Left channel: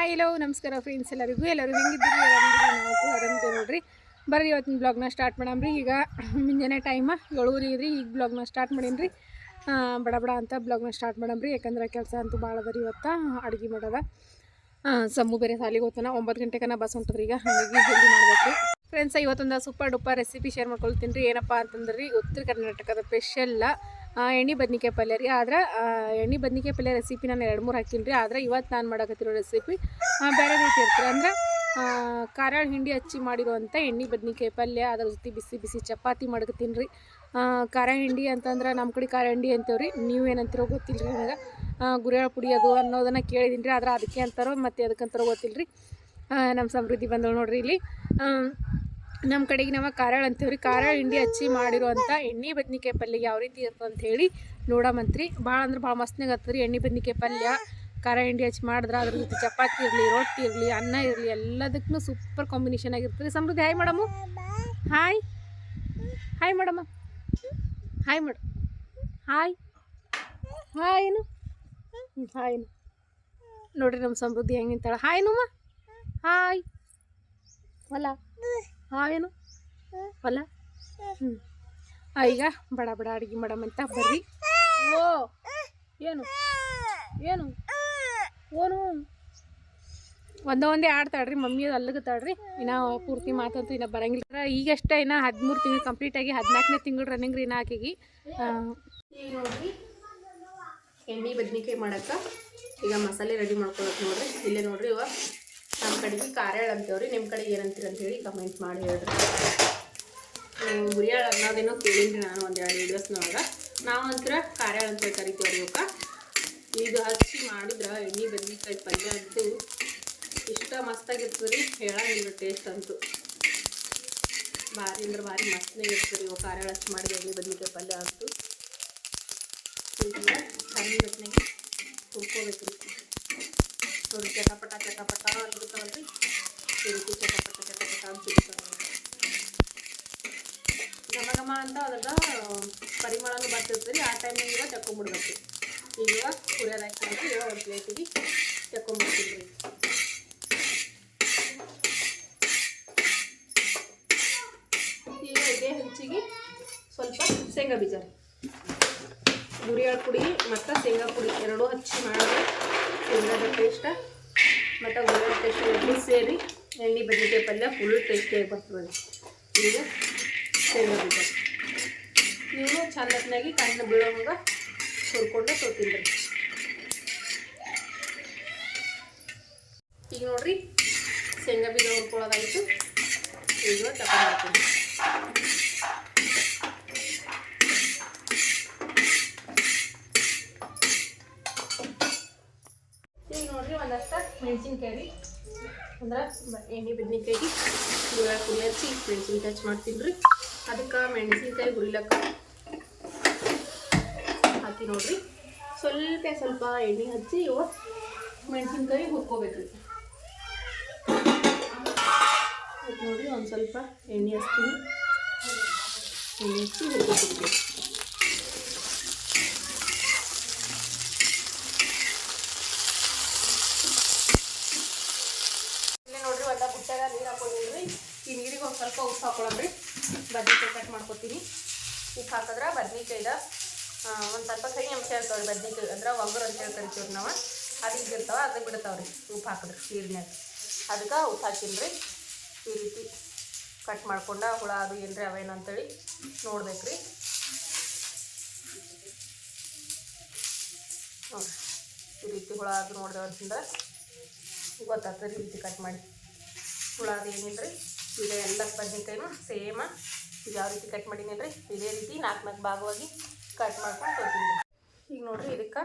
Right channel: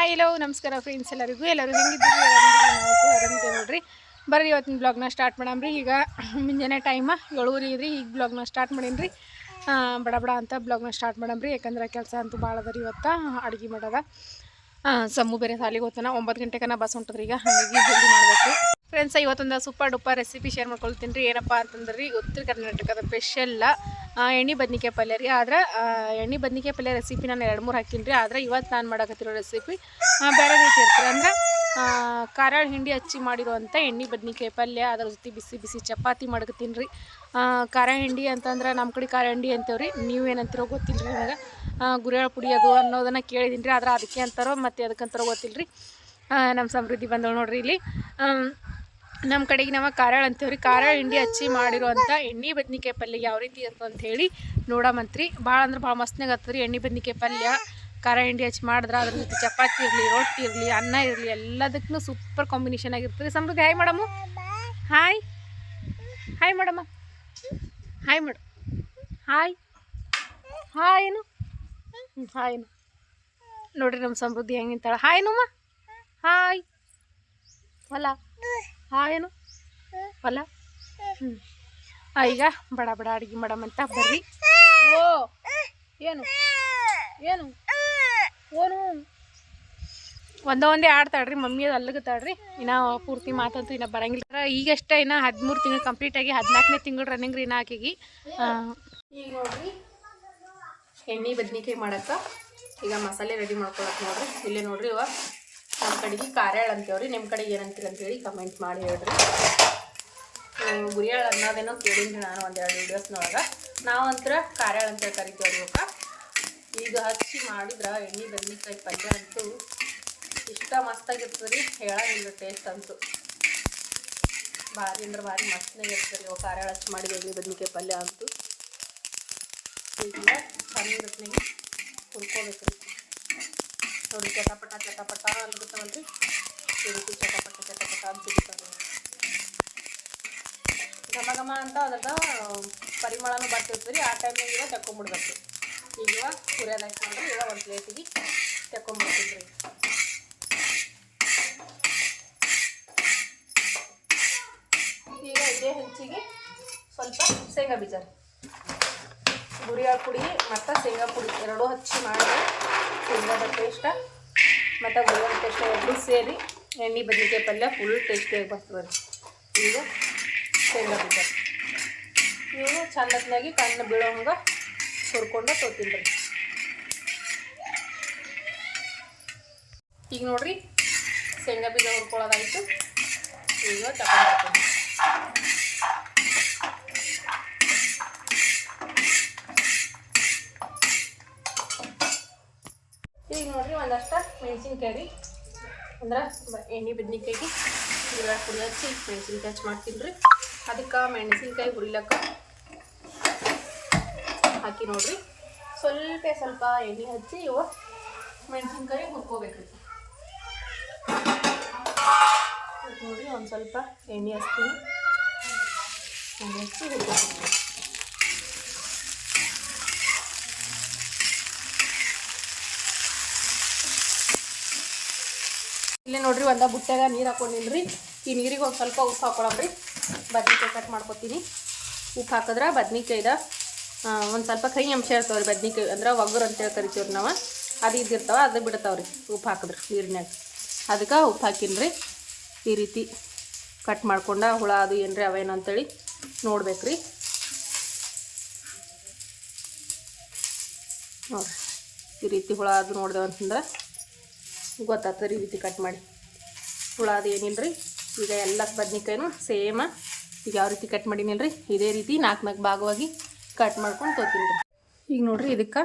Hi ಎಲ್ಲೋ ನಮಸ್ಕಾರ friends ಎಲ್ಲರಿಗೂ. ಎಲ್ಲರೂ ಹೆಂಗಿದ್ದೀರಿ? ಆರಾಮಿದ್ದೀರಿ ನೋಡ್ರಿ. ಬರ್ರಿ ಇವತ್ತಿನ ಬ್ಲಾಗ್ನ ಸ್ಟಾರ್ಟ್ ಮಾಡಮ್ರಿ. ಈಗ ಮುಂಜಾನೆ ಟೈಮ ಏಳುವರೆ ಇದ್ರಿ ಈಗ ಬ್ಲಾಗ್ನ ಸ್ಟಾರ್ಟ್ ಮಾಡೀನಿ ರೀ ಬಡ ಬಡ ಅಂತ ಬ್ಲಾಗ್ನ ಸ್ಟಾರ್ಟ್ ಮಾಡಮ್ರಿ. ಯಾಕಂದ್ರೆ ಕೆಲಸ ಅಂತೂ ಭಾಳ ಅದ ರೀ ಇವತ್ತು. ಅಡುಗೆ ಮಾಡೋದ. ಸಮ್ಮು ಬೇರೆ ಸಾಲಿಗೆ ಹೋಗ್ತಾನೆ. ಒಂಬತ್ತು ಗಂಟೆಗನ ಬಸ್ ಹೊಂಟದ್ರಿ ಈಗ. ಹಾಗಾಗಿ ಜಲ್ದಿ ಮಾಡಬೇಕು ಫ್ರೆಂಡ್ಸ್ ಇವತ್ತೊಂದು ಸೂಪರ್ ಡೂಪರ್ ರೆಸಿಪಿ ಶೇರ್ ಮಾಡ್ಕೊಳ್ತೀನಿ ರೀ. ಏನಪ್ಪ ಅಂತಂದ್ರೆ ರೀ, ಉತ್ತರ ಕರ್ನಾಟಕದ ಸ್ಪೆಷಲ್ಲ ಎಣ್ಣೆ ಬದ್ನಿಕಾಯಿ ಪಲ್ಯ ರೀ. ಆದ್ರೆ ಎಣ್ಣೆ ಬದ್ನಿಕಾಯಿ ಪಲ್ಯ ರೆಸಿಪಿ ನಾನು ಎರಡು ಮೂರು ಹಾಕೀನಿ ರೀ. ಆದ್ರೆ ಇವತ್ತು ನಾನು ಮಾಡಕತ್ತಿರೋ ರೆಸಿಪಿ ಬೇರೆ ರೀತಿ ಇರ್ತೀರಿ ಅಂದ್ರೆ ಖಾರಾಳ ಹಿಂಡಿ ಹಚ್ಚಿ ಮಾಡಿರುವಂಥ ಎಣ್ಣೆ ಬದ್ನಿಕಾಯಿ ಪಲ್ಯ, ಅದ್ರ ಜೊತೆ ಬಿಸಿ ಬಿಸಿ ಚಪಾತಿ ಮಾಡ್ಕತ್ತೀನಿ ರೀ. ಖಾರ ಹಿಂಡಿ ಅಂತಂದ್ರೆ ನಮ್ಮ ಕಡೆ ಖಾರ ಹಿಂಡಿ ಅಂತೇವ್ರಿ. ನೀವು ಏನಂತೀರೋ ಗೊತ್ತಿಲ್ಲ ರೀ ನನಗೆ. ಗುರಿಯಾಳ ಪುಡಿ ಅದು ಅನ್ನೋದನ್ನು ಕೇಳಿದ್ದೀನಿ ರೀ. ಆದ್ರೆ ಅದಕ್ಕೆ ಅಂತಾರೋ ಮತ್ತು ಅದಕ್ಕಂತಾರೋ ಗೊತ್ತಿಲ್ಲ ರೀ. ನಮ್ಮ ಸಮೃದ್ಧಿ ಬಂದಳು ನೋಡ್ರಿ ಇಲ್ಲಿ. ನಮ್ಮ ಕಡೆಗೆ ನಾವು ಕಾರಾಳ ಅಂತೀವ್ರಿ ಕಾರಾಳ ಹಿಂಡಿ ಹಚ್ಚಿ ಮಾಡಿರುವಂಥ ಎಣ್ಣೆ ಬದ್ನಿಕಾಯಿ ಪಲ್ಯ ಯಾವ ರೀತಿ ಇರ್ತದೆ ಅಂತ ಹೇಳಿ ನೋಡಮಂತ್ರಿ ಭಾಳ ಅಂದ್ರೆ ಭಾಳ ಮಸ್ತ್ನಾಗ ಆಗ್ತದ್ರಿ ಎಣ್ಣೆ ಬದ್ನಿಕಾಯಿ ಪಲ್ಯ. ಖಾರ ಹಿಂಡಿ ಹಚ್ಚಿ ಮಾಡಿದ್ರೆ ಅದ್ರ ಜೊತೆ ಚಪಾತಿ ಇರಲಿ, ರೊಟ್ಟಿ ಇರಲಿ, ಅನ್ನ ಇರಲಿ ಎಲ್ಲದಕ್ಕೂ ಸೂಪರ್ ಕಾಂಬಿನೇಷನ್ ಆಗಿರ್ತದೆ Samruddhi hi madam hi hi madam hi madam hi hi ಏನು ಹಾಯ್ ನೋಡ್ರಿ ನಮ್ಮ ಸಮೃದ್ಧಿ ಹೆಂಗೆ ಹಾಯ್ ನಮ್ಮ ಹಾಯ್ ಹೊಲ ಏನು? ಹೊಲ ಹ್ಞೂ ಈಗ ಬಡ ಬಡ ಅಡುಗೆ ಮಾಡಮಂತ ಬರ್ರಿ. ಓ, ಏನು? ಏನು? ಓನು? ಒಂದ ಒಂದೇ ಆಡ್ತಾಳ್ರಿ ಮಮ್ಮಿ ಅದು ಅಲ್ಲಗತ್ತಾಳ್ರಿ ಇನ್ನ ಪೂರ್ತಿ ಮಾತಂತೂ ಇನ್ನ ಬರಂಗಿಲ್ಲ. ಈಗಷ್ಟೇ ಇನ್ನ ಹದಿಮೂರು ತಿಂಗಳು ಕಂಪ್ಲೀಟ್ ಆಗಿ ಹದಿನಾಲ್ಕನೇ ತಿಂಗಳು ರನ್ನಿಂಗ್ ರೀ ಇನ್ನ ಆಕೆಗೆ. ಈಗ ಎಣ್ಣೆ ಬದ್ನಿಕಾಯಿ ಮಾಡಕ್ಕೆ ಈಗ ಮಸಾಲೆ ರೆಡಿ ಮಾಡ್ಕೊಳಕ್ಕೆ ನೋಡ್ರಿ. ಇಲ್ಲೇ ನೋಡ್ರಿ ಇವ ನಮ್ಮ ಕಡೆಗೆ ಕಾರ್ಯಾಳ ಅಂತೇವ್ರಿ ನಿಮ್ಮ ಕಡೆಗೆ ಅಂತ ಅಂತೇಳಿ ಕಮೆಂಟ್ ಮಾಡಿ ಹೇಳ್ರಿ. ಉರಿಯಾಳ ಅನ್ನೋದೇನೋ ಕೇಳಿದ್ರಿ ನಾನು ಒಂದೆರಡು ವೀಡಿಯೋಸ್ನೊಳಗೆ ನಾವು ಅಂತರ ಕಾರ್ಯಾಳ ಅಂತೇಳಿ ಕರಿತೇವ್ರಿ ಇವಕ್ಕೆ ಈಗ ಹಚ್ಚಿ ಮಾಡಿದ್ರೆ ಎಣ್ಣೆ ಬದನೆಕಾಯಿ ಪಲ್ಯ ಅಂತೂ ಇಷ್ಟ ಮಸ್ತಾಗಿರ್ತದೆ ರೀ ಹೇಳೋದಿಲ್ಲ ಟೇಸ್ಟ್ ಅಂತೂ. ಭಾರಿ ಅಂದ್ರೆ ಭಾರಿ ಮಸ್ತಾಗಿ ಇರ್ತದೆ ಓ ಕಾರ್ಯಾಳ ಹಚ್ಚಿ ಮಾಡಿ ಎಣ್ಣೆ ಬದನೆಕಾಯಿ ಪಲ್ಯ ಅಂತೂ. ಈಗ ಹುರ್ಕೋಬೇಕು ರೀ ನೋಡಿ ಚಟಪಟ ಚಟಪಟ ರೀತಿ ಚಟಪಟ ಚಟಪಟ ಘಮ ಘಮ ಅಂತ ಅದ್ರದ ಪರಿಮಳನೂ ಬರ್ತಿರ್ತದೆ. ಆ ಟೈಮಿಗೆ ಇವಾಗ ತಕೊಂಬಿಡ್ಬೇಕು ಈಗ ಒಂದು ಪ್ಲೇಟಿಗೆ ತಕೊಂಬಿಡ್ತೀವಿ ಈಗ ಹಂಚಿಗೆ ಸ್ವಲ್ಪ ಶೇಂಗಾ ಬೀಜ. ರೀ ಹುರಿಯಾಳ ಪುಡಿ ಮತ್ತು ಶೇಂಗಾ ಪುಡಿ. ಎರಡೂ ಹಚ್ಚಿ ಮಾಡಿದ್ರೆ ಶೇಂಗಾದ ಟೇಸ್ಟ ಮತ್ತು ಬೆಳ್ಳುಳ್ಳಿ ಟೇಸ್ಟ್ ಎರಡೂ ಸೇರಿ ಎಣ್ಣೆ ಬದಿಗೆ ಪಲ್ಯ ಹುಳಿ ಟೇಸ್ಟ್ ಬರ್ತದೆ ಈಗ ಶೇಂಗಾ ಬೀಜ ಇವು ಚಂದತ್ನಾಗಿ ಕಣ್ಣು ಬೀಳೋಂಗ ಹುರ್ಕೊಂಡು ತೊಗೊತೀನಿ ರೀ. ಈಗ ನೋಡ್ರಿ ಶೇಂಗಾ ಬೀಜ ಹುರ್ಕೊಳ್ಳೋದಾಗಿತ್ತು ಈಗ ತಗೊಂಡು ಈಗ ಮೆಣಸಿನ್ಕಾಯಿ ಅಂದ್ರೆ ಎಣ್ಣೆ ಬದ್ನಿಕಾಯಿಗೆ ಜೋಳ ಪುಡಿ ಹಚ್ಚಿ ಮೆಣಸಿನ್ಕಾಯಿ ಟಚ್ ಮಾಡ್ತೀನಿ ರೀ ಅದಕ್ಕೆ ಮೆಣಸಿನ್ಕಾಯಿ ಹುರಿಲಕ್ಕ ಹಾಕಿ ನೋಡ್ರಿ. ಸ್ವಲ್ಪ ಸ್ವಲ್ಪ ಎಣ್ಣೆ ಹಚ್ಚಿ ಇವು ಮೆಣಸಿನ್ಕಾಯಿ ಹುರ್ಕೋಬೇಕ್ರಿ. ನೋಡಿ ಒಂದು ಸ್ವಲ್ಪ ಎಣ್ಣೆ ಹಚ್ತೀನಿ. ಎಣ್ಣೆ ಹಚ್ಚಿ ಹುರ್ಕೋತೀನಿ. ನೋಡ್ರಿ, ಒಂದ ಬುಟ್ಟೆಗ ನೀರು ಹಾಕೊಂಡಿಲ್ರಿ. ಈ ನೀರಿಗೆ ಒಂದು ಸ್ವಲ್ಪ ಉಪ್ಪು ಹಾಕೊಳಮ್ರಿ. ಬದ್ನಿಕಾಯಿ ಕಟ್ ಮಾಡ್ಕೊತೀನಿ. ಉಪ್ಪು ಹಾಕಿದ್ರೆ ಬದ್ನಿಕಾಯ್ದ ಒಂದು ಸ್ವಲ್ಪ ಕೈ ಅಂಶ ಇರ್ತಾವ್ರಿ ಬದ್ನಿಕಾಯಿ, ಅಂದ್ರೆ ಒಗ್ಗರು ಅಂತೇಳಿ ಕರಿತೀವ್ರಿ ನಾವು. ಅದು ಇದ್ದಿರ್ತಾವ ಅದು ಬಿಡ್ತಾವ್ರಿ ಉಪ್ಪು ಹಾಕಿದ್ರೆ ನೀರಿನಾಗ ಅದಕ್ಕೆ ಉಪ್ಪು ಹಾಕಿನ್ರಿ. ಈ ರೀತಿ ಕಟ್ ಮಾಡ್ಕೊಂಡ ಹುಳ ಅದು ಏನ್ರಿ ಅವೇನು ಅಂತೇಳಿ ನೋಡ್ಬೇಕ್ರಿ. ಈ ರೀತಿ ಹುಳ ಅದು ನೋಡ್ದೇವಂತಂದ್ರೆ ಗೊತ್ತಾಗ್ತದೆ ಈ ರೀತಿ ಕಟ್ ಮಾಡಿ. ಹುಳ ಅದು ಏನಿಲ್ಲ ರೀ ಈಗ ಎಲ್ಲ ಬದ್ನಿಕಾಯಿನೂ ಸೇಮ. ಈಗ ಯಾವ ರೀತಿ ಕಟ್ ಮಾಡೀನಿಲ್ಲ ಇದೇ ರೀತಿ ನಾಲ್ಕು ನಾಲ್ಕು ಭಾಗವಾಗಿ ಕಟ್ ಮಾಡ್ಕೊಂಡು ತೊಗೊತೀನಿ ರೀ ಈಗ ನೋಡ್ರಿ ಇದಕ್ಕೆ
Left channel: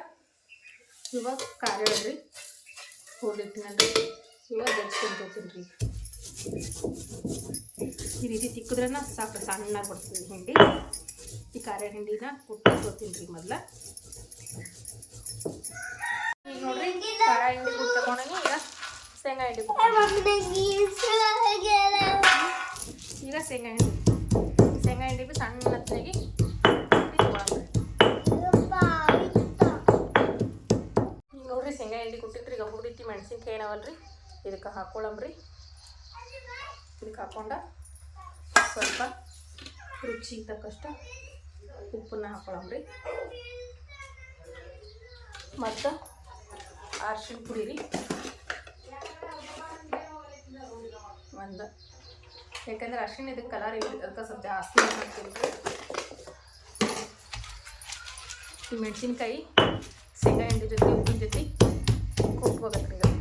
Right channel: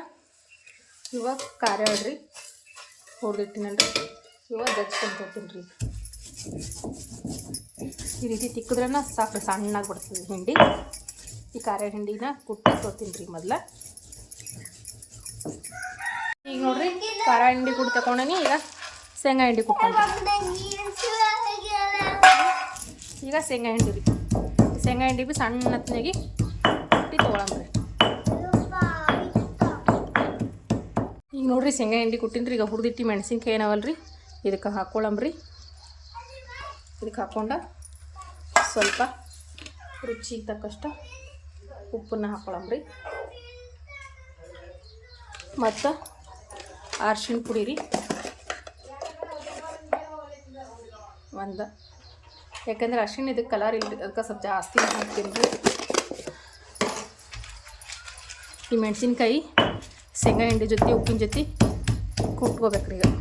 ಇವಾಗ ಖಾರ ಹೇಳ್ರಿ ಹೊಡೆದಿಟ್ಟಿನಲ್ರಿ ಇವಾಗ ಜಜ್ಕೊಂಡು ತೊಗೊತೀನಿ ಈ ರೀತಿ ತಿಕ್ಕಿದ್ರೆ ಸಾಕು ಸಣ್ಣಾಗಿ ಬಿಡ್ತೀವಿ ಹಿಂಡಿ. ಈ ಖಾರ ಹಿಂಡಿನ ಕುಟ್ಟಿ ತೊಗೊತೀನಿ ರೀ ಮೊದಲ. ಈಗ ನೋಡ್ರಿ ಖಾರ ಹಿಂಡಿ ಕುಟ್ಟಿ ತಗೊಂಡನಿ ಈಗ. ಶೇಂಗಾ ಹಿಂಡಿ ಕುಟ್ಕೊಂಡು ಈಗ ಶೇಂಗಾ ಹಿಂಡಿ ಶೇಂಗಾ ಹಿಂಡಿ ಬಿ ಸಣ್ಣ ಹತ್ತಿನಾಗಿ ಕುಟ್ಟಿ ತೊಗೊಳಂದ್ರಿ ಈಗ ಈಗ ನೋಡ್ರಿ ಶೇಂಗಾ ಹಿಂಡಿ ಕುಟ್ಟಿನ್ರಿ. ಈಗ ಹುರಿದಿಟ್ಟು ಮೆಣಸಿನ್ಕಾಯಿ ಏನವಲ್ರಿ? ಇದಕ್ಕೆ ಹಾಕೊಳ್ಳಂಬ್ರಿ ಇದಕ್ಕೆ ಹಾಕೊಂಡ ಸ್ವಲ್ಪ ರುಚಿಗೆ ತಕ್ಕಷ್ಟು ಉಪ್ಪನ್ನ ಹಾಕೊಳ್ಳಂಬ್ರಿ ಮತ್ತು ಅರ್ಶಿಣ ಪುಡಿ ರೀ ಒಂದು ಯಾಕಂದ್ರೆ ಅರ್ಶಿಣ ಇದಕ್ಕೆ ಕಲರ್ ಇಲ್ಲ ಅದಕ್ಕೆ ಸ್ವಲ್ಪ ಜಾಸ್ತಿ ಹಾಕ್ತೀನಿ ಈ ಮೆಣಸಿನ್ಕಾಯಿ, ಶೇಂಗಾ ಹಿಂಡಿ ಜೊತೆ, ಉಪ್ಪಿನ ಜೊತೆ ಕುಟ್ಕೋಬೇಕ್ರಿ ಈಗ.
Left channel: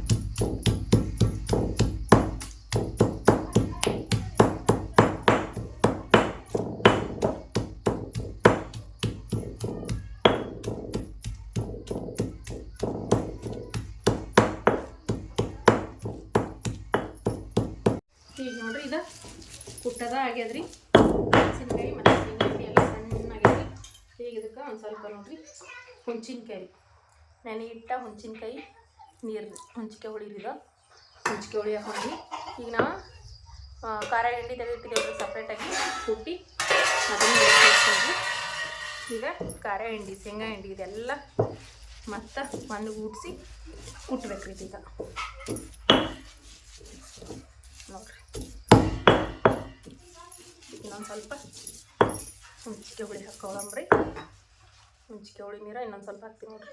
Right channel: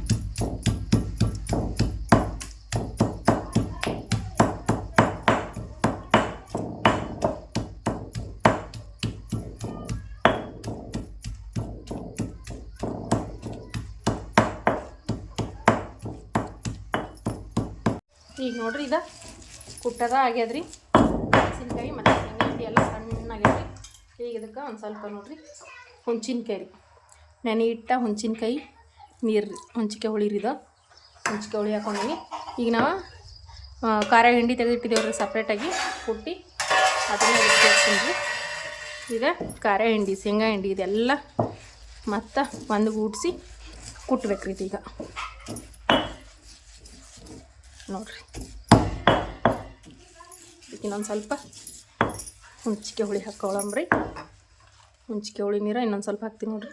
ಈಗ ನೋಡ್ರಿ ಇದು ಕುಟ್ಟದ ಆಗ್ಯದ್ರಿ. ಮೆಣಸಿನ್ಕಾಯಿ ಮತ್ತು ಶೇಂಗಾ ಎಲ್ಲ ಸಣ್ಣಾಗ್ಯದ್ರಿ. ಈಗ ಇದಕ್ಕೆ ಒಂದು ಸ್ವಲ್ಪ ನೋಡ್ರಿ ಹುಣ್ಸಿನ್ಕಾಯಿ ರೀ ನೆನೆ ಇಟ್ಟ ಹುಣ್ಸಿನ್ಕಾಯಿ ನೀರು ಹುಂಚಿಕೆ ಇದು. ಹುಂಚಿಕೆ ಹುಳಿ ಹಾಕೊಂಡೀನಿ. ಈಗ ನಾವು ಖಾರ ಹಿಂಡಿ ತೆಗೆದಿಟ್ಟಿದ್ದೇವೆ ಸಪ್ರೇಟಾಗಿ ಕುಟ್ಟಿ ಅದನ್ನು ಸೇರಿಸ್ತೀನಿ ಈಗ ಖಾರ ಹಿಂಡಿ, ಶೇಂಗಾ ಹಿಂಡಿ ಇದೆಲ್ಲ ಮತ್ತು ಒಂದು ಗೂಡಿಸಿ ಕುಟ್ಬೇಕ್ರಿ ಇದೀಗ ನೋಡ್ರಿ ಇನ್ನೊಂದು ಸ್ವಲ್ಪ ಹುಂಚಿಕೆ ಹುಳಿ ಹಾಕ್ಕೊಳಮ್ರಿ ಹುಂಚಿಕೆ ಹುಳಿ ನೀರು ಇನ್ನೊಂದು ಸ್ವಲ್ಪ ಹಾಕ್ತೀನಿ ನೋಡ್ರಿ.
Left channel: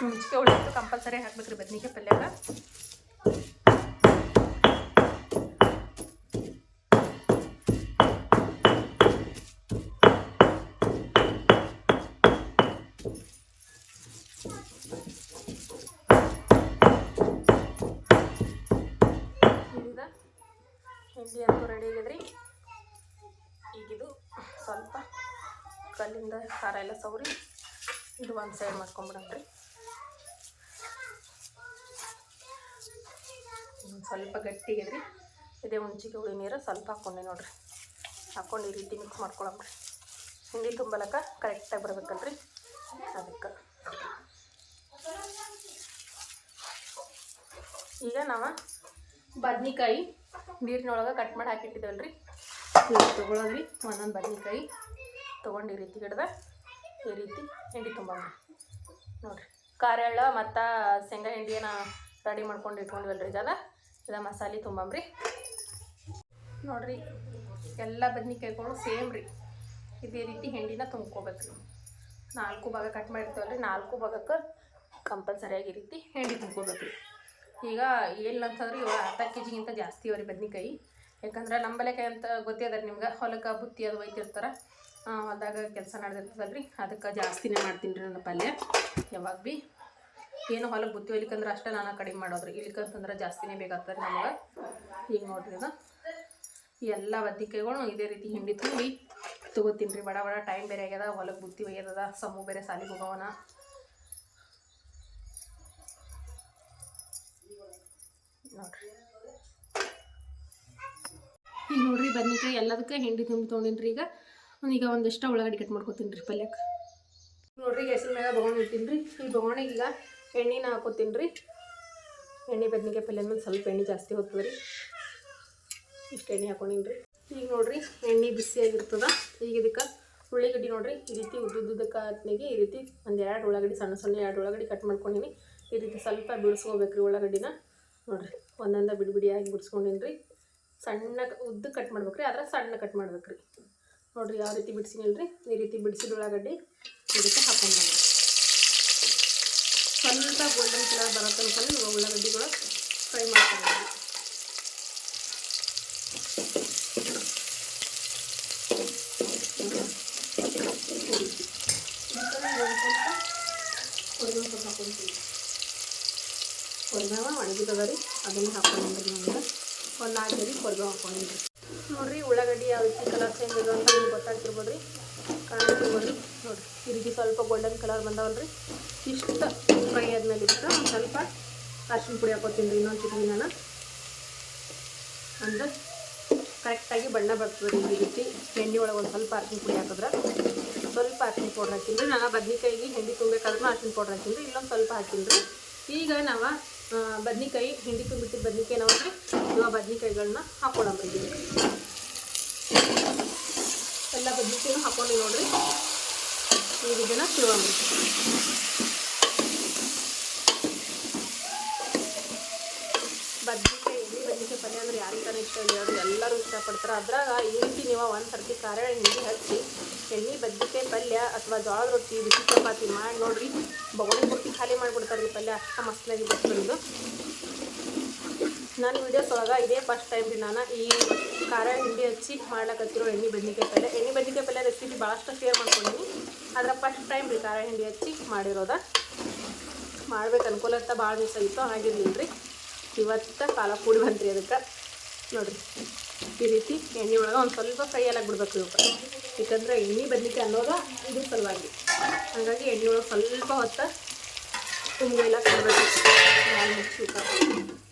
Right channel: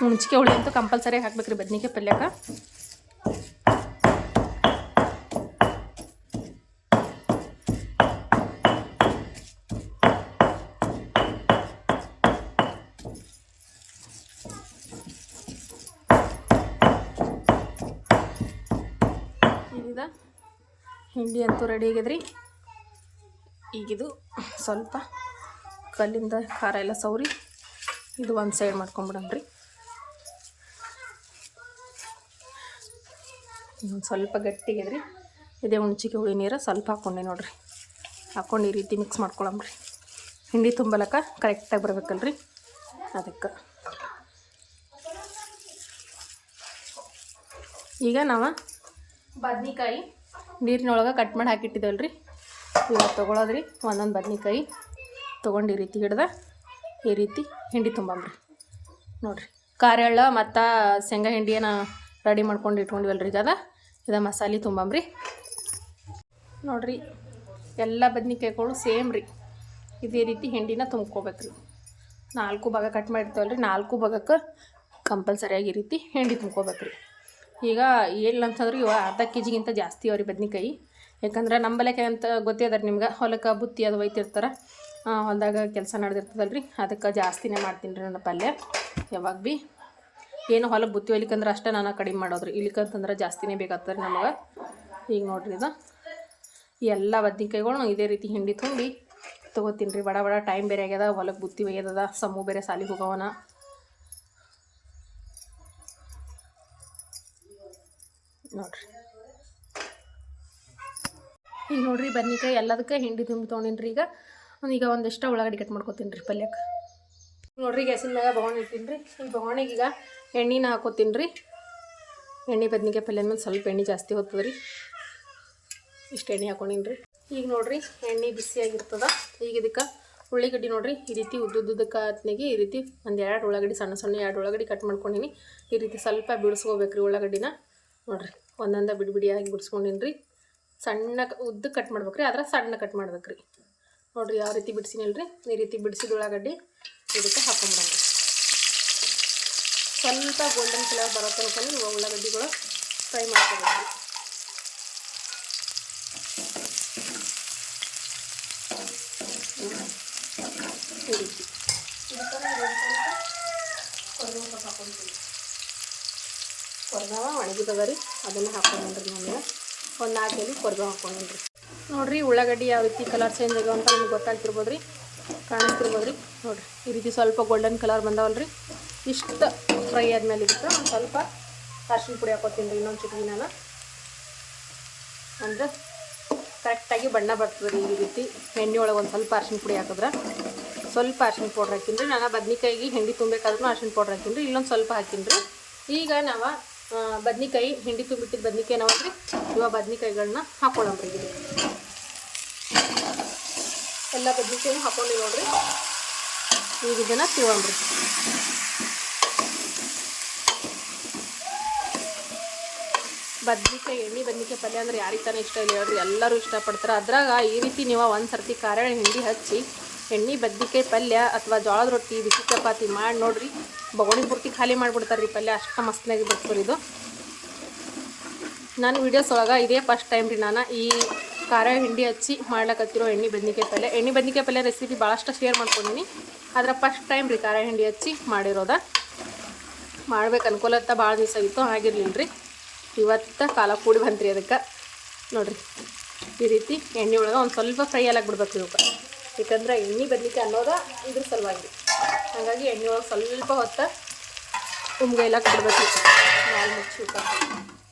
ಹುಂಚಿಕೆ ಹುಳಿ ಅಂತೂ ಕಂಪಲ್ಸರಿ ಹಾಕ್ಬೇಕ್ರಿ ಬದ್ನಿಕಾಯಿ ಪಲ್ಯಕ್ಕೆ. ಹಿಂಡಿ ಅಂತೂ ರೆಡಿ ಆಗ್ಯದ್ರಿ ಈಗಿದು ಸ್ವಲ್ಪ ಕಲ್ಲಿಂದ ಖಾರ ಎಲ್ಲ ಸೌರಿ ಇದು ಒಂದು ಸೈಡ್ ಮಾಡ್ಕೊಂಬಿಡಮ್ರಿ ಸ್ವಲ್ಪ ಗಟ್ಟಿಗೆದ್ರಿ. ಇದೇ ಹುಣ್ಚಿಕೆ ಹುಳಿ ನೀರು ಸ್ವಲ್ಪ ಹಾಕ್ಕೊಂಡೆ ನೋಡ್ರಿ. ಹಾಕ್ಕೊಂಡು ಈ ರೀತಿ ಮಿಕ್ಸ್ ಮಾಡ್ಕೊಳಮ್ರಿ. ಹಿಂಡಿ ತುಂಬಲಕ್ಕ ಕರೆಕ್ಟಾಗಿ ಬರ್ಬೇಕಲ್ರಿ. ಅದಕ್ಕೆ. ಈಗ ನಾವು ಬದ್ನಿಕಾಯಿ ನೀರಿನೊಳಗೆ ಕಟ್ ಮಾಡಿ ಹಾಕಿಟ್ಟಿದ್ದೇವಲ್ರಿ. ಇವಾಗ ತೊಗೊಳೋದ್ರಿ. ಒಂದೊಂದು ಬದ್ನಿಕಾಯಿ ತೊಗೊಂಡು ಈ ರೀತಿ ಹಿಡ್ದ ಈ ರೀತಿ ಹಿಂಡಿ ತುಂಬಮ್ರಿ. ನೋಡಿರಿ. ಖಾರ ಮತ್ತು ಶೇಂಗಾ ಹಿಂಡಿಯನ್ನ ರೆಡಿ ಮಾಡ್ಕೊಂಡು ಇಟ್ಕೊಂಡಿವಲ್ರಿ ಈಗ ಅದ. ಇದು ಮಸಾಲೆ ತುಂಬಮ್ರಿ. ನೋಡಿರಿ. ಎಲ್ಲ ಬದ್ನಿಕಾಯಿಗಳು ಸೇಮ್ ರೀ ಇದೇ ರೀತಿ ಹಿಂಡಿನ ತುಂಬ್ಕೋಬೇಕ್ರಿ. ನಾಲ್ಕು ಭಾಗ ಕಟ್ ಮಾಡಿರ್ತೇವಲ್ರಿ. ನಾಲ್ಕು ಭಾಗಕ್ಕೆ ಕಂಪಲ್ಸರಿಯಾಗಿ ಈ ರೀತಿ ಹಿಂಡಿ ತುಂಬ್ಕೋಬೇಕ್ರಿ. ಈಗ ಅಂತಂದ್ರೆ ಇವ ಅರ್ಧ ಕೆ ಜಿಗಿಂತ ಜಾಸ್ತಿ ಅವ್ರಿ ಬದ್ನಿಕಾಯಿ. ಯಾಕಂದ್ರೆ ನಂಬಲಕ್ಕೆ ಅಂತ ಗೊತ್ತಿದ್ದಾರೆ ನಿಮ್ಗೆ? ಹೊಲಕ್ಕೆ ಬುತ್ತಿ ಅದು ಒಯ್ತಿರ್ತಾರೆ. ಹೊಲದಾಗ ಕೆಲಸ ನಡೆದಿರ್ತದಲ್ರಿ? ಅದಕ್ಕೆ ಜಾಸ್ತಿನೇ ಮಾಡ್ತೀನಿ ರೀ ನನ್ನ ಪಲ್ಯ. ಯಾವಾಗ ಭೀ ಏನು ಹೊಲಕ್ಕೆ ಬುತ್ತಿ ಒಯ್ಲಿಕ್ಕಂದ್ರೆ ಅಷ್ಟೇ ನಾನು ಕಡಿಮೆ ಮಾಡೋದ್ರಿ. ಇಲ್ಲಿಕಂತಂದ್ರೆ ಜಾಸ್ತಿನೇ ಬೇಕಾಗ್ತದೆ ನಮಗೆ. ಈಗ ನೋಡ್ರಿ ಇದು. ಎಲ್ಲ ಬದ್ನಿಕಾಯಿಗಳು ಇದೇ ರೀತಿ ಹಿಂಡಿ ತುಂಬಿ ತೊಗೋತೀನಿ ರೀ ಬಡ ಬಡ ಟೈಮ್ ಬೇರೆ ಆಗ್ಯದ ಹೊಲಕ್ಕೆ ಬುತ್ತಿ ಒಯ್ಯದ ಸಮೂ ಬೇರೆ ಸಾಲಿಗೆ ಹೋಗವನ. ನೋಡ್ರಿ. ಈಗ ನೋಡ್ರಿ ಬದ್ನಿಕಾಯಿ ಎಲ್ಲದಕ್ಕೆ ಹಿಂಡಿ ತುಂಬಿ ತೊಗೊಂಡಿನಿ ರೀ ಈಗ ಈಗ ಒಂದಿಷ್ಟ ಉಳ್ಳಾಗಡ್ಡಿ ಕಟ್ ಮಾಡ್ಕೊತೀನಿ ರೀ ಪಲ್ಯಕ್ಕೆ. ನೋಡ್ರಿ ಗ್ಯಾಸಿನ ಮ್ಯಾಗ ಬೊಗಣಿ ಇಟ್ಟಿನಿ ರೀ ಈ ಬೊಗಣಿಗೆ ಈಗ ಎಣ್ಣೆನ ಹಾಕೋತೀನಿ ರೀ ಎಣ್ಣೆ ಬದ್ನಿಕಾಯಿ ಪಲ್ಯ ಮೇಲೆ ಸ್ವಲ್ಪ ಎಣ್ಣೆ ಜಾಸ್ತಿ ಹೋಗ್ತದೆ ರೀ ಇಷ್ಟು ಎಣ್ಣೆ ಹಾಕೊಂಡಿನಿ ರೀ ಈಗ ನೋಡ್ರಿ ಎಣ್ಣೆ ಬಿಸಿಯಾಗಿರ್ತದ ಈಗ ಇದಕ್ಕೆ ಉಳ್ಳಾಗಡ್ಡಿ ನೋಡ್ರಿ ಈ ರೀತಿ ಉದ್ದುದ್ದಕ್ಕೆ ಈ ರೀತಿ ಒಂದು ಎರಡು ಉಳ್ಳಾಗಡ್ಡಿ, ಸಣ್ಣ ಸಣ್ಣ ಎರಡು ಉಳ್ಳಾಗಡ್ಡಿ ಕಟ್ ಮಾಡ್ಕೊಂಡಿನಿ. ಈ ರೀತಿ ಸ್ವಲ್ಪ ಬಿಡಿಸ್ಕೋಬೇಕ್ರಿ ಉಳ್ಳಾಗಡ್ಡಿನ. ನೋಡ್ರಿ, ಒಂದೊಂದ ಬಿಡಿ ಬಿಡಿಯಾಗಿ ರೀ ಸಣ್ಣ ಉದ್ದ ಕಟ್ ಮಾಡ್ಬೇಕ್ರಿ, ಆದ್ರೆ ಸಣ್ಣ ಕಟ್ ಮಾಡ್ಬೇಕ್ರಿ. ನೋಡ್ರಿ ಯಾವ ರೀತಿ ಬಿಡಿಸಿನಿಲ್ರಿ, ಈ ರೀತಿ ಬಿಡಿಸಿದ ಉಳ್ಳಾಗಡ್ಡಿ ಇದಕ್ಕೆ ಹಾಕೊಂಡ್ರಿ. ಸ್ವಲ್ಪ ಗೋಲ್ಡನ್ ಕಲರ್ ಬರೋ ತನಕ ಉಳ್ಳಾಗಡ್ಡಿಗಳು ಫ್ರೈ ಮಾಡ್ಕೊಂಡು ಕೊರ್ಗಾವ ಒಣಗಿದವ ರೀ ಅದನ್ನೇ ಹಾಕೊಂಡ್ರಿ ನಮ್ಗೆ ಒಂದು ನಾಲ್ಕು ಮಂದಿ ನೋಡ್ರಿ ಉಳ್ಳಾಗಡ್ಡಿ ಯಾವ ರೀತಿ ಕಲರ್ ಚೇಂಜ್ ಆಗ್ಯಾವ ಅಂತ ನಿಮ್ಗೆ ಗೊತ್ತಾಗ್ತಿರ್ಬೋದು ರೀ ಕಾಣಿಸ್ತಿರ್ಬೋದು ರೀ ನೋಡ್ರಿ, ಈ ರೀತಿ ಸ್ವಲ್ಪ ಗೋಲ್ಡನ್ ಕಲರ್ ಬಂದಾವಲ್ರಿ. ಇಷ್ಟು ಫ್ರೈ ಆದ್ಮೇಲೆ ಇದಕ್ಕೆ ಸ್ವಲ್ಪ ಅರ್ಶಿನ ಪುಡಿ ಹಾಕೋತೀನಿ ರೀ ಇನ್ನೊಂದು ನಾನು ಅಂದ್ರೆ ಕರೆಕ್ಟಾಗಿ ಬಣ್ಣ ಬರ್ತದೆ ರೀ ಈ ರೀತಿ. ಎಣ್ಣೆ ಒಳಗೆ ಒಂದು ಸ್ವಲ್ಪ ಅರ್ಶಿನ ಪುಡಿ ಹಾಕಿದ್ರೆ. ಸ್ವಲ್ಪ ಅರ್ಶಿನ ಪೌಡ್ರ್ ಹಾಕಿನ್ರಿ ರೀ. ನಾನು ಬದ್ನಿಕಾಯಿಗೆ, ಹೆಂಡಿ ತುಂಬಬೇಕಾದ್ರೂ ಅರ್ಶಿನ ಪೌಡ್ರ್ ಹಾಕಿನ್ರಿ ರೀ. ಇಲ್ಲೊಂದು ಸ್ವಲ್ಪ ಹಾಕಿನ್ರಿ ಈಗ ನಾವು ಬದ್ನಿಕಾಯಿ, ಹಿಂಡಿ ತುಂಬಿಟ್ಟಿದ್ದ ಬದ್ನಿಕಾಯಿ ನಾವು ಇವಾಗ ಬದ್ನಿಕಾಯಿಗಳನ್ನ ಹಾಕ್ಕೊಳಂತೀವಿ ಎಲ್ಲ ಬದನೆಕಾಯಿನೂ ಹಾಕೊಂಡು ನೋಡ್ರಿ. ಈಗ ಇದನ್ನು ತಿಳೋಣ್ರಿ ಬದ್ನಿಕಾಯಿ ಎಣ್ಣೆ ಬದ್ನಿಕಾಯಿ ಪಲ್ಯ ಅಂದ್ರೆ ಯಾರಿಗೆ ತಾನೇ ಇಷ್ಟ ಇಲ್ಲ ಹೇಳ್ರಿ ಎಲ್ಲರೂ ಇಷ್ಟಪಡ್ತಾರೆ. ಅದ್ರಾಗ ಈ ರೀತಿ ನೀವು ಒಂದು ಸರ್ತಿ ಹಿಂಡಿ ಹಚ್ಚಿ ಎಣ್ಣೆ ಬದ್ನಿಕಾಯಿ ಪಲ್ಯ ಅಥವಾ ಜೋಳದ ರೊಟ್ಟಿ, ಬಿಸಿ ಚಪಾತಿ ಮಾಡಿ ನೋಡ್ರಿ. ಬಗೋಣಿ ಬುಟ್ಟಿ ಖಾಲಿ ಮಾಡಿಬಿಡ್ತಾರೆ ರೀ ಪಲ್ಯ, ಅಷ್ಟು ಮಸ್ತಾಗಿ ಬರ್ತದೆ ಇದು. ನಾನು ವಿಡಿಯೋಸ್ ಒಳಗೆ ಇದೇ ಫಸ್ಟ್ ಟೈಮ್ ರೀ ನಾನು ಈ ಖಾರ ಹಿಂಡಿ ಹಚ್ಚಿ ಮಾಡ್ಲಕತ್ತಿರೋ ಎಣ್ಣೆ ಬದ್ನಿಕಾಯಿ ಪಲ್ಯ. ಎಣ್ಣೆ ಬದ್ನಿಕಾಯಿ ಪಲ್ಯ ರೆಸಿಪಿ ಭಾಳಷ್ಟು ಶೇರ್ ಮಾಡ್ಕೊಂಡಿನಿ. ಆದ್ರೆ ಫಸ್ಟ್ ಟೈಮ್ ರೀ ಖಾರ ಹಿಂಡಿ ಹಚ್ಚಿ ಮಾಡಿರೋದ. ಮಾಡ್ಬೇಕು ಅನ್ಕೋಲತ್ತ ಭಾಳ ದಿವಸ ಆಗಿತ್ತು ಹಾಗಿರ್ಲಿಲ್ಲ ರೀ ಇವತ್ತು ಕಾಲ ಕೂಡಿ ಬಂತ್ರಿ ಅದಕ್ಕೆ. ನೋಡಿರಿ, ಈ ರೀತಿ ಎಣ್ಣೆ ಒಳಗೆ ಒಂದು ಸ್ವಲ್ಪ ಫ್ರೈ ಎಲ್ಲ ಬಿಡ್ಬೇಕು ಇವಕ್ಕೆ ಯಾಕಂದ್ರೆ ಎಣ್ಣೆ ಬದ್ನಿಕಾಯಿ ಅನ್ನೋದು ಇದ್ರ ಸಲುವಾಗಿ. ಹಾಗಾಗಿ ಎಣ್ಣೆ ಒಳಗೆ ಸ್ವಲ್ಪ ಹೊತ್ತ ತುಂಬ ಎಲ್ಲ ಕಲಬೇಕು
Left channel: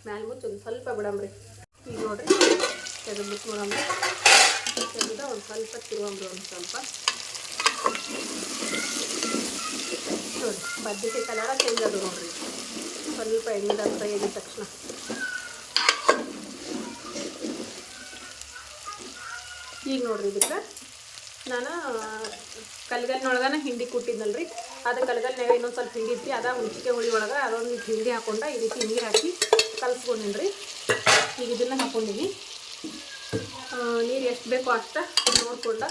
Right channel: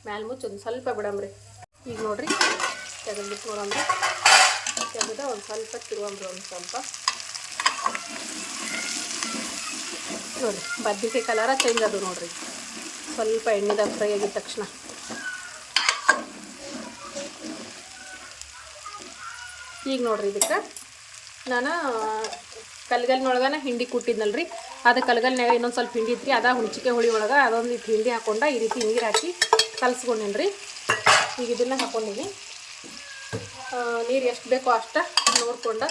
ಮ್ಯಾಲೆ ಮುಚ್ಚಿ ಒಂದು ಸ್ವಲ್ಪ ಬಿಡಮ್ರಿ ಈಗ ನೋಡಿರಿ ತೆಗೆದು ಬಿಟ್ಕೊಳ್ಳೋಣ ತೆಗೆದ ಒಂದು ಸ್ವಲ್ಪ ತಿರುಗ ಒಂದು ಸ್ವಲ್ಪ. ನೋಡಿ ಬದ್ನಿಕಾಯಿ ಕಲರ ಚೇಂಜ್ ಅದು ನೋಡಿರಿ. ಸ್ವಲ್ಪ ಎಣ್ಣೆದ ಫ್ರೈ ಆಗಿದ ತಕ್ಷಣ. ಈಗ ನೋಡ್ರಿ ಇದಕ್ಕೆ. ನಾನು ಕಲ್ಗಲ್ನೊಳಗನ ಹಿಂಡಿ ಕುಟ್ಟಿದ್ನಲ್ರಿ. ಅದು ಕಲ್ಗಲ್ನಾಗ ಇನ್ನೊಂದು ಸ್ವಲ್ಪ ಹಿಂಡಿ ಇತ್ತು ಅದ ಹುಣ್ಚಿಕೆ ಹುಳಿ ಒಳಗೆ ಅದೊಂದು ಇಟ್ಟು ಹಿಂಡಿ ಹಾಕೊಂಡು ಈ ರೀತಿ ನೀರು ಹಾಕಿ ಕಲಸ್ಕೊಂಡೇನ್ರಿ. ಈಗ ಇದನ್ನು ಹಾಕೊಂಡಿನಿ. ನೀರು ಎಷ್ಟು ಬೇಕೋ ಅಷ್ಟು ನೋಡ್ಕೊಂಡು.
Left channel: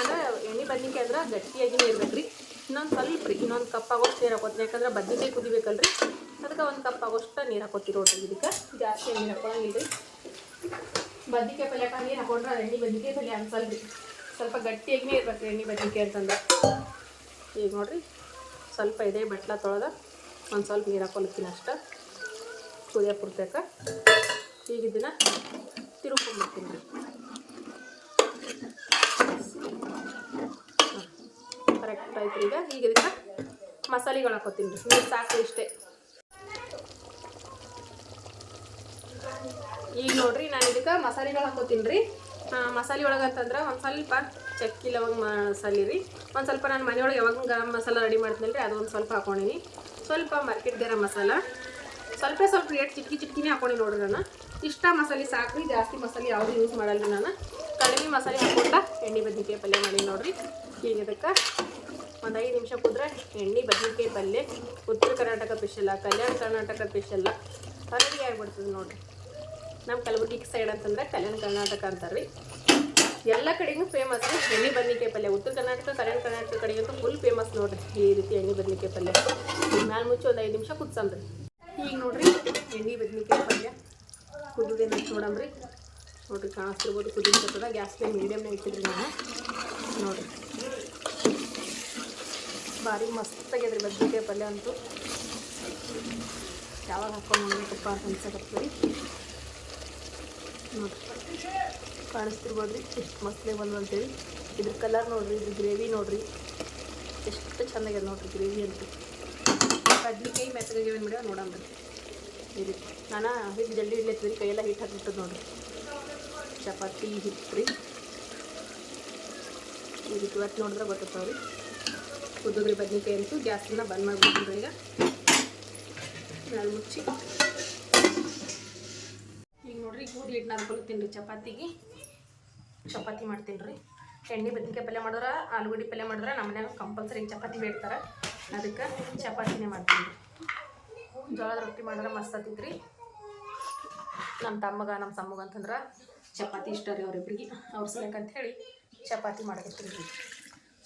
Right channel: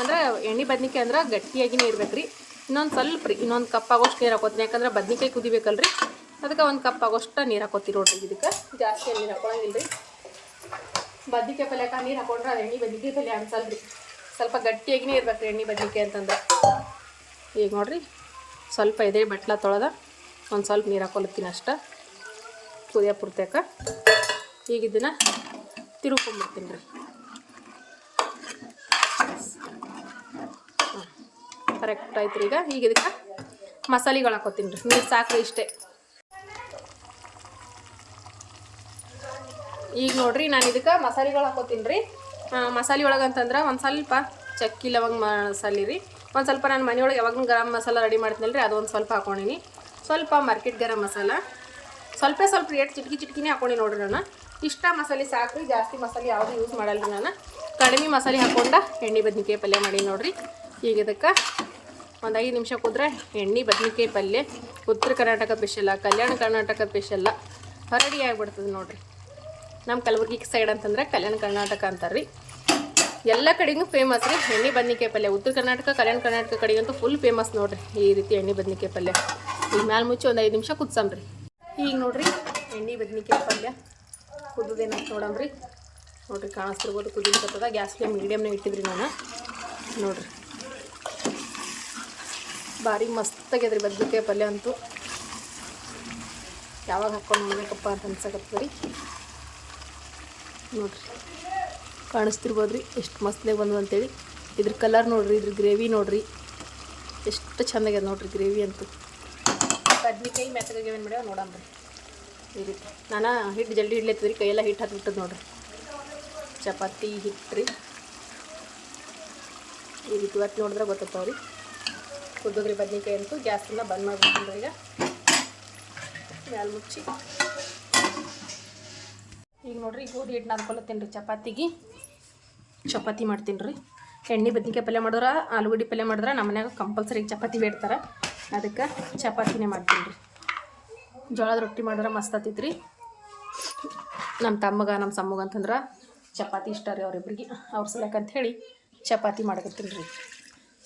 ಅಂದ್ರೆ ಎಣ್ಣೆ ಬದ್ನಿಕಾಯಿ ಅಂದ್ರೆ ಗಟ್ಟಿಯಾಗಿನೇ ಇರ್ಬೇಕು ರೀ ಇನ್ನೊಂದು ಸ್ವಲ್ಪ ರೀ, ಇನ್ನೊಂದು ಕಪ್ ಆಗೋಷ್ಟು ನೀರು ಹಾಕೋತೀನಿ. ಯಾಕಂದ್ರೆ ಬದ್ನಿಕಾಯಿ ಕುದಿಬೇಕಲ್ರಿ. ಅದಕ್ಕೆ ಒಂದು ಕಪ್ ಆಗೋಷ್ಟು ನೀರು ಹಾಕೋತೀವಿ ನೋಡ್ರಿ ಇದಕ್ಕೆ. ಜಾಸ್ತಿ ನೀರು ಹಾಕೊಳ್ಳೋದಿಲ್ಲ ರೀ ಬದ್ನಿಕಾಯಿ ಪಲ್ಯಕ್ಕೆ ನೀರು ಹಾಕೊಂಡ್ರೆ ಅದು ಎಣ್ಣೆ ಬದ್ನಿಕಾಯಿ ಪಲ್ಯ ಅನ್ಸಲ್ಲ ಸ್ವಲ್ಪ ಸ್ವಲ್ಪ ಗಟ್ಟಿಯಾಗಿನೇ ಇರ್ಬೇಕು ಎಣ್ಣೆ ಬದ್ನಿಕಾಯಿ ಅಂತಂದ್ರೆ. ಈಗ ನೋಡಿರಿ, ಸ್ವಲ್ಪ ಇದೆ ಬಟ್ಲ ತೊಳೆದ ಒಂದು ಸ್ವಲ್ಪ ನೀರು ಹಾಕೊಳತ್ತೀನಿ ಅಷ್ಟೆ. ಕುದಿಯ ಪುರ್ತಕ. ಈಗ ಇದನ್ನು ತಿರುಗ್ಕೊಂಡ್ಬಿಡ್ತೀನಿ ಕರೆಕ್ಟ್ ಆಯ್ತು ಈಗ. ಈಗ ಇದಕ್ಕೆ ಮಸಾಲೆಗಳು ಹಾಕೋತೀನಿ ರೀ. ನೀರು ಸಾಕು ಇಷ್ಟೇ. ಈಗ ನೋಡ್ರಿ, ನಾನು ಇದಕ್ಕೆ ಮಸಾಲೆಗಳು ಹಾಕೋತೀನಿ ರೀ. ಮಸಾಲೆ ಒಳಗೆ ಅಂತಂದ್ರೆ ಒಂದು ಸ್ವಲ್ಪ ಚಕ್ಕಿ ಲವಂಗ ಮಸಾಲೆ ರೀ. ಒಂದು ಸ್ವಲ್ಪ ನಾನು ಮನೆಯೊಳಗೆ ಯಾವಾಗ ಗರಂ ಮಸಾಲ ರೆಡಿ ಮಾಡ್ತೀನಲ್ಲ ರೀ ಅದೊಂದು ಸ್ವಲ್ಪ ಹಾಕೊಂಡಿನಿ. ಸ್ವಲ್ಪ ಮಾರ್ಕೆಟ್ ಗರಂ ಮಸಾಲ. ಸ್ವಲ್ಪ ಸ್ವಲ್ಪ ರೇಟ್ ಚಿಟ್ಕಿ ಚಿಟ್ಕಿನೇ ಹಾಕೊಂಡು ನೋಡ್ರಿ ನಾನು. ಇಷ್ಟ ಮಸಾಲೆ ಸಾಕು ರೀ ಜಾಸ್ತಿ ಮಸಾಲೆ ಯಾವುದು ಯೂಸ್ ಮಾಡಲ್ಲ ನಾನು. ಕಡಿಮೆ ಮಸಾಲೆ ಹಾಕೊಂಡ ಎಣ್ಣೆ ಬದ್ನಿಕಾಯಿ ಪಲ್ಯ ಮಾಡಿ ನೋಡ್ರಿ. ಈಗ ಇದಕ್ಕೆ ಒಂದು ಐದು ನಿಮಿಷ ಕುದ್ರೆ ಎಣ್ಣೆ ಬದ್ನಿಕಾಯಿ ಪಲ್ಯ, ಉತ್ತರ ಕರ್ನಾಟಕ ಸ್ಪೆಷಲ್ಲ ಕಲ್ಯಾಣ ಕರ್ನಾಟಕ ಸ್ಪೆಷಲ್ಲ ಹೊರಡಿ ಆಗಿಬಿಡ್ತದೆ ನೋಡ್ರಿ. ನಮ್ಮ ಕಲಬುರ್ಗಿ ಸೈಡ್ ಅಂತಂದ್ರೆ ಕಲ್ಯಾಣ ಕರ್ನಾಟಕ ಅಂತಾರೆ ರೀ ಎಲ್ಲ ಕಡೆಗೂ ಫೇಮಸ್ ರೀ. ಎಣ್ಣೆ ಬದ್ನಿಕಾಯಿ ಪಲ್ಯ. ಉತ್ತರ ಕರ್ನಾಟಕ, ಕಲ್ಯಾಣ ಕರ್ನಾಟಕ ಕಡೆಗಂತೂ ಫುಲ್ ಫೇಮಸ್ ನೋಡ್ರಿ ಈ ರೀತಿ ಎಣ್ಣೆ ಬದ್ನಿಕಾಯಿ ಪಲ್ಯ. ಈಗ ಮ್ಯಾಲೆ ಮುಚ್ಚಿ ಒಂದು ಐದು ನಿಮಿಷ ಕುದ್ಸಮ್ರಿ ಈಗ ನೋಡ್ರಿ, ಎಣ್ಣೆ ಬದ್ನಿಕಾಯಿ ಪಲ್ಯ ಕುದಿದೇನು ನೋಡಮ್ರಿ ನೋಡ್ರಿ ಕಾಣಿಸ್ತಿರ್ಬೋದು ಕುದಿರ್ತದ ಗ್ಯಾಸ್ ಫ್ಲೇಮ್ ಇಟ್ಟಿದ್ರಿ ನಾನು. ನೋಡ್ರಿ. ಭಾರಿ ಮಸ್ತಾಗ್ಯದ್ರಿ ಬದ್ನಿಕಾಯಿ ಪಲ್ಯ ಅಂತೂ. ಯಾವಾಗ ಹಾಕೊಂಡು ಮಾಡಬೇಕಪ್ಪ ಅಂತ ಅನ್ಸಕತ್ತದ ರೀ ಕಾಣಿಸ್ತಿರ್ಬೋದು ರೀ ಎಷ್ಟು ಮಸ್ತಾಗಿ ಬಂದು ಅಂತೇಳಿ. ಇದ್ರ ಕಲರ್ ನೋಡ್ರಿ ಇದ್ರ ಗ್ರೇವಿ ನೋಡ್ರಿ. ಎಷ್ಟು ಚಂದಾಗ್ಯದ ನೋಡ್ರಿ ಗ್ರೇವಿ ಅಂತ. ಬದ್ನಿಕಾಯಿ ಮೆತ್ತಗೆ ಬಿಡ ನೋಡಂಬ್ರಿ ನಾನು ಹಿಟ್ಟು ಜಲ್ದಿ ರೀ ಕೈಯೆಲ್ಲ ಹಿಟ್ಟು ಹಾಕಿಬಿಟ್ಟದ ನೋಡ್ರಿ. ಚಪಾತಿ ಹಿಟ್ಟು ರೀ ಈ ರೀತಿ ಇವತ್ತು ನೋಡಿದ್ರೆ ಗೊತ್ತಾಗ್ತಾವ್ರಿ ಉದ್ದುಗ್ರಿ ಬದ್ನಿಕಾಯಿ ಅಂತೂ ಗ್ಯಾಸನ್ನ ಬಂದ್ ಮಾಡ್ಬಿಡ್ತೀನಿ ಈಗ. ಮುಚ್ಚಿ. ಈಗ ನೋಡ್ರಿ ಗೋಧಿ ಹಿಟ್ಟು ನಾದ್ಕೊಳತ್ತೀನಿ ರೀ ಚಪಾತಿಗೆ. ಚಪಾತಿ ಮಾಡ್ತೀನಿ ರೀ ಎಣ್ಣೆ, ಬದ್ನಿಕಾಯಿ ಪಲ್ಯ ಮಾಡಿದ್ರೆ, ಆಲೂಗಡ್ಡೆ ಪಲ್ಯ ಮಾಡಿದ್ರೆ, ನಮ್ಮ ಮನ್ಯಾಗ ಕಂಪಲ್ಸರಿ ಚಪಾತಿ ಬೇಡ್ತಾರೆ. ಅದಕ್ಕೆ ಚಪಾತಿನೇ ಮಾಡ್ತೀನಿ ರೀ ಜೋಳದ ರೊಟ್ಟಿ ಮಾಡಿದ್ರೆ ಮಸ್ತ್ ಆತೈತೆ ರೀ ನಮ್ಮ ತಮ್ಮಗ ನಮ್ಮ ಸಮ್ಮಗ ಅಂತಂದ್ರೆ ಚಪಾತಿ ಇಷ್ಟ ರೀ ಅವ್ರಿಬ್ರಿಗೆ. ಅವ್ರ ಸಲಕ್ಕ ಅಂತ ಚಪಾತಿ ಮಾಡ್ಕೊತೀನಿ ರೀ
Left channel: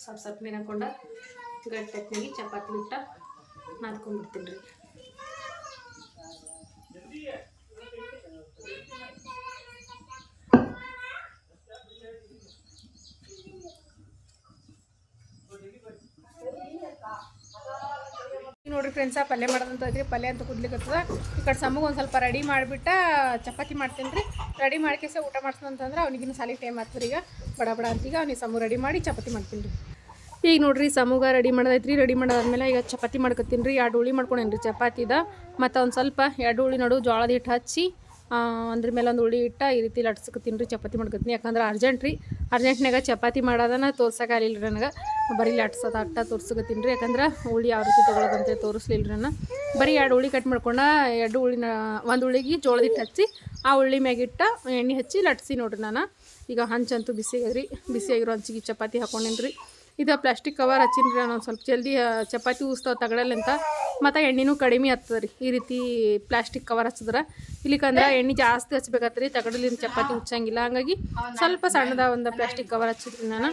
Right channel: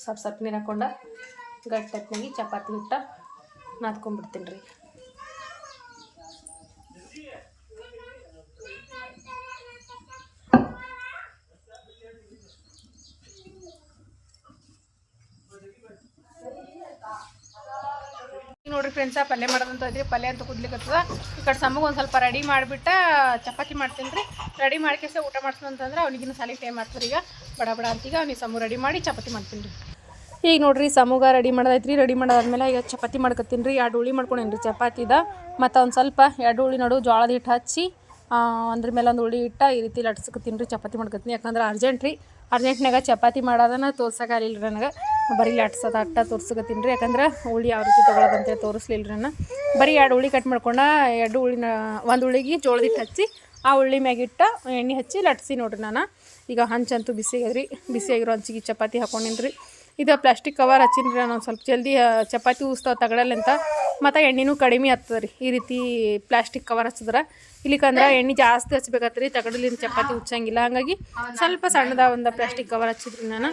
ಸ್ವಲ್ಪ ಸ್ವಲ್ಪ ನೀರು ಹಾಕೊಂಡ ಗಟ್ಟಿ ಚಪಾತಿ ಹಿಟ್ಟ ನಾದ್ಕೊಂಡ್ಬಿಡ್ತೀನಿ ರೀ ನೋಡ್ರಿ ಫ್ರೆಂಡ್ಸ ಪಲ್ಯ ಮಾಡೋದಂತ ಐತ್ರಿ. ಪಲ್ಯ ಅಂತ ಕುದ್ಲಿಕ್ಕತ್ತದ ಈ ಕಡೆ ಸಮ್ಮಗೆ ಒಂದು ಸ್ವಲ್ಪ ರೆಡಿ ಮಾಡಿಬಿಟ್ಟ ಚಪಾತಿ ಮಾಡ್ತೀನಿ ರೀ ರೆಡಿ ಮಾಡ್ಕೇಸ ಊಟ ಮಾಡ್ತೀನಿ ಅಂತಂದ್ರೆ ಅವ್ನಿಗಿನ ಸಾಲಿಗೆ ಟೈಮ್ ಆಗ್ತದೆ ಈಗ. ಬಡ ಬಡ ಅಂತೀಗ ಅವ್ನಿಗೆ ಸಮೂಹ ರೆಡಿ ಮಾಡಿ ಚಪಾತಿ ಮಾಡ್ತೀನಿ ರೀ ಈಗ ನೋಡ್ರಿ ಸಮೂಗ ರೆಡಿ ಮಾಡೋದೈತ್ರಿ. ರೆಡಿ ಮಾಡೋದಾದ್ಮೇಲೆ ಈಗ ಚಪಾತಿ ಮಾಡ್ಕೊತೀನಿ ರೀ. ಎರಡು ಹುಳಿ ಮಾಡ್ಕೊಂಡೇನಿ ರೀ ಚಪಾತಿದ. ಮತ್ತು ಒಂದು ಸ್ವಲ್ಪ ಎರಡು ಹುಳಿ ನಡು ಜೋಳದ ಹಿಟ್ಟು ಹಚ್ಚಿ ಆ, ಒಂದ್ರ ಮೇಲೆ ಒಂದು ಉಳಿ ಇಟ್ಟ ಈ ರೀತಿ ಲಟ್ಸಕ್ಕೆ ತಿನ್ರಿ ಚಪಾತಿ ಮಾಡ್ಕೊತೀನಿ. ಯಾಕಂದ್ರೆ ಅರ್ಜೆಂಟ್ ರೀ. ಅರ್ಜೆಂಟ್ನಾಗ ಚಪಾತಿ ಮಾಡೋದನ್ನ ತೋರ್ಸೋಕ್ಕಾಗಲಿಲ್ಲ ರೀ ನನಗೆ. ಬರೀ ಲಟ್ಸೋದು ಅಟ್ಟ ತೋರ್ಸ್ಕೊತೀನಿ ರೀ ಯಾಕಂದ್ರೆ ಹುಳಿ ಯಾವ ರೀತಿ ತೊಗೊಳೋದಂತೇಳಿ ತೋರಿಸ್ಲಿಲ್ಲ ರೀ ನಾನು ಬರೀ ಎರಡು ಹುಳಿ ಕಟ್ ಮಾಡ್ಕೊಂಡ ಎರಡು ಹುಳಿನ ಒಂದು ಉಳ್ಳಿಗೆ ಜೋಳದ ಹಿಟ್ಟು ಹಚ್ಚಿ ಆ ಉಳ್ಳಿ ಮ್ಯಾಗಿಟ್ಟ ಎಣ್ಣೆ ಹಚ್ಚಿ ಲಟ್ಸಿ ನೋಡ್ರಿ ನಾನು. ಈಗ ಹಂಚಂತೂ ಬಿಸಿ ಬಿಸಿಯಾಗಿರೋ. ಬಿಸಿ ಆಗಿರೋ ಹಂಚಿಗೆ ಚಪಾತಿ ಹಾಕೊಂಡಿನ್ರಿ ಇದು ಪ್ಲಾಸ್ಟಿಕ್ ಕವರ್ ಹಚ್ಚಿನ್ರಿ ನಾನು ಸ್ವಲ್ಪ ಜಲ್ದಿ ಚಪಾತಿ ಉಸ್ತಾವ ತಗಡಲ್ಲಿಂತ ಮತ್ತು ಎಣ್ಣೆನೂ ಕಡಿಮೆ ಆಗ್ತದೆ ರೀ, ಈ ರೀತಿ ಪ್ಲಾಸ್ಟಿಕ್ ಕವರ್ ಹಚ್ಚಿದ್ರೆ. ಇಲ್ಲಿಕಂದ್ರೆ ಎಣ್ಣೆ ಜಾಸ್ತಿ ಹಚ್ಬೇಕಾತ್ರಿ, ತಗಡಲಿಂದ ಚಪಾತಿ ಉಚ್ಚಂಗಿಲ್ಲ. ಹಂಗಾಗಿ ಸ್ವಲ್ಪ ಸಣ್ಣದ ಒಂದು ಪ್ಲಾಸ್ಟಿಕ್ ಕವರ್ ಹಚ್ಚಿದ್ರಿ ನಾನು.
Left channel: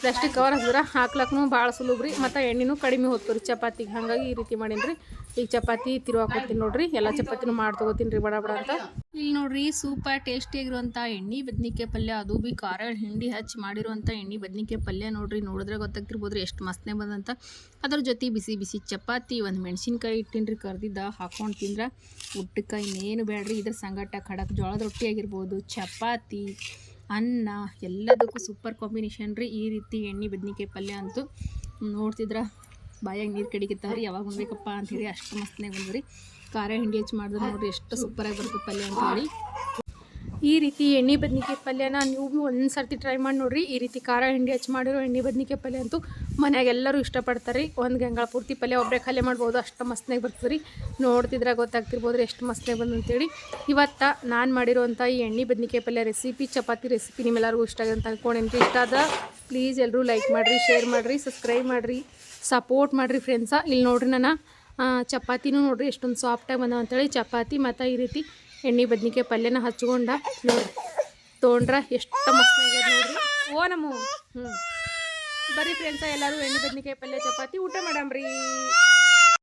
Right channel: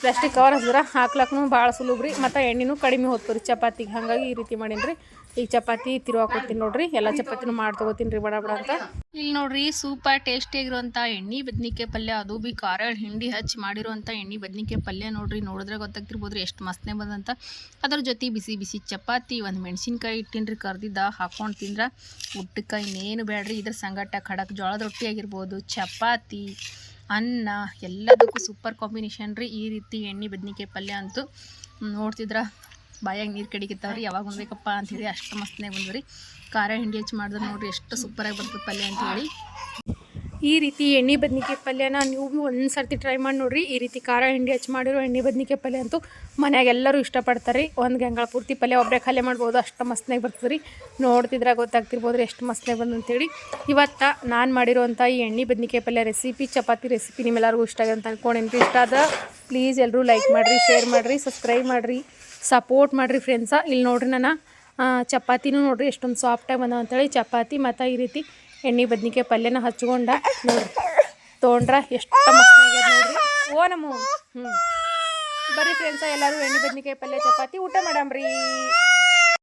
ಪ್ಲಾಸ್ಟಿಕ್ ಕವರ್ ಹಚ್ಚಿದ್ರೆ ಹಾಕ್ಲಕ್ಕೂ ಭಾಳ ಸುಲಭ ರೀ, ಮತ್ತು ಎಣ್ಣೆನೂ ಕಡಿಮೆ ಹೋಗ್ತದೆ ರೀ ಚಪಾತಿಗೆ. ಹಾಗಾಗಿ ಈ ರೀತಿ ಮಾಡೀನಿ ರೀ ಈಗ ಚಪಾತಿ ತಿರುವಾಕೋತೀನಿ ನೋಡ್ರಿ. ಎಲ್ಲ ಚಪಾತಿನೂ ಮಾಡಿ ತಗೋತೀನಿ ರೀ, ಬಡ ಬಡ ಅಂತ. ಇಲ್ಲಿ ನೋಡ್ರಿ ಸೂಪರ್ ಟೇಸ್ಟಿಯಾಗಿರುವಂಥ ಎಣ್ಣೆ ಬದ್ನಿಕಾಯಿ ಪಲ್ಯ, ಅದು ಬಿ ಖಾರ, ಹಿಂಡಿ ಹಚ್ಚಿ ಮಾಡಿರುವಂಥ ಎಣ್ಣೆ ಬದ್ನಿಕಾಯಿ ಪಲ್ಯ ನೋಡ್ರಿ, ನೋಡಿದ್ರೆ ಗೊತ್ತಾಗ್ತಿರ್ಬೋದ್ರಿ ಎಷ್ಟು ಮಸ್ತ್ನೇ ಬಂದಂತ. ಅದ್ರ ಜೊತೆ ಬಿಸಿ ಬಿಸಿ ಚಪಾತಿ, ಒಂದು ಮೆಣಸಿನ್ಕಾಯಿ ಇಟ್ಟಿನ್ರಿ ಕರ್ದಿದ್ದ, ಹಾಕೊಂಡು ತಿಂದ್ರೆ ಊಟಕ್ಕೆ ಇನ್ನೇನು ಬೇಡ್ರಿ ಇದ್ರ ಸಂಗಟ ಖಡಕ್ ಜೋಳದ ರೊಟ್ಟಿ ಆಗಿರ್ಬೋದು ಚಪಾತಿ, ಅನ್ನ, ಎಲ್ಲದಕ್ಕೂ ಸೂಪರ್ ಕಾಂಬಿನೇಷನ್ ರೀ ಈ ರೀತಿ ಎಣ್ಣೆ ಬದ್ನಿಕಾಯಿ ಪಲ್ಯ ಅಂತೂ ನೋಡ್ತಿದ್ರ ಬಾಯಾಗ ನೀರು ಕಡಿಗಿತ್ತಾವ್ರಿ, ಯಾವಾಗ ಉಣ್ಬೇಕಪ್ಪ ಅಂಥೇಳಿ ಅಷ್ಟು ಮಸ್ತ್ನಾಗ ರೀ ಖಾರ ಹಿಂಡಿ ಹೆಚ್ಚು ಮಾಡಿದ್ರೆ ನೋಡ್ರಿ ಎಷ್ಟು ಸೂಪರಾಗಿ ಬರ್ತದೆ ಪಲ್ಯ ಅಂತ ಹೇಳಿ ಈ ರೀತಿ ಎಣ್ಣೆ ಬದ್ನಿಕಾಯಿ ಪಲ್ಯನ ನೀವು ಭೀ ಒಂದು ಸರ್ತಿ ಟ್ರೈ ಮಾಡಿ ನೋಡ್ರಿ. ಈ ರೀತಿ ಖಾರ ಹಿಂಡಿ ಹಚ್ಚಿ ಮಾಡಿರೋ ಎಣ್ಣೆ ಬದ್ನಿಕಾಯಿ ಪಲ್ಯ ಅಂತೂ ಮನ್ಯಾಗ ಎಲ್ಲರೂ ಇಷ್ಟಪಡ್ತಾರೆ ರೀ ಒಂದು ಗಂಗಳ ಪೂರ್ತಿ ಪಲ್ಯ ಒಬ್ಬರೇ ಖಾಲಿ ಮಾಡ್ಬೋದು, ಅಷ್ಟು ಮಸ್ತ್ನಾಗ ಬರ್ತದೆ ರೀ ನೋಡ್ತಿದ್ರೆ ಗೊತ್ತಾಗ್ತಿರ್ಬೋದು ರೀ ಎಷ್ಟು ಮಸ್ತ್ನಾಗ ಬಂದು ಅಂತೇಳಿ. ಇವತ್ತು ನಾನು ಮಾಡಿರೋಂಥ ಈ ಎಣ್ಣೆ ಬದ್ನಿಕಾಯಿ ಪಲ್ಯ ರೆಸಿಪಿ ಚಪಾತಿ ರೆಸಿಪಿ ನಿಮ್ಮೆಲ್ಲರಿಗೂ ಇಷ್ಟ ಆಗಿದೆ ಅಂತ ಅನ್ಕೊಂಡೇನಿ ಇಷ್ಟ ಆದ ಪ್ಲೀಸ್ ಎಲ್ಲರೂ ಲೈಕ್ ಮಾಡಿರಿ ಶೇರ್ ಮಾಡಿರಿ ಸಬ್ಸ್ಕ್ರೈಬ್ ಮಾಡಿರಿ. ಸಪೋರ್ಟ್ ಮಾಡಿರಿ ಫ್ರೆಂಡ್ಸ ಇಲ್ಲಿ ನೋಡ್ರಿ ನಾನು ಚಪಾತಿನೂ ನೋಡ್ರಿ ಎಷ್ಟೊಂದು ಸಾಫ್ಟಾಗಿ ಬಂದವ ಅಂತೇಳಿ ಚಪಾತಿ ಮತ್ತು ಈ ರೀತಿ ಎಣ್ಣೆ ಬದ್ನಿಕಾಯಿ ಪಲ್ಯನ ಹಚ್ಕೊಂಡ ನೋಡ್ರಿ. ತೊಗೊಂಡ್ರ ಎಷ್ಟು ಮಸ್ತ್ ನೋಡ್ರಿ. ಓ ನಮ್ಮ. ಹ್ಞೂ ಬರ್ರಿ ಫ್ರೆಂಡ್ಸ ಎಲ್ಲರೂ ಎಣ್ಣೆ ಬದ್ನಿಕಾಯಿ ಪಲ್ಯ, ಚಪಾತಿ ಊಟ ಮಾಡಮ್ರಿ.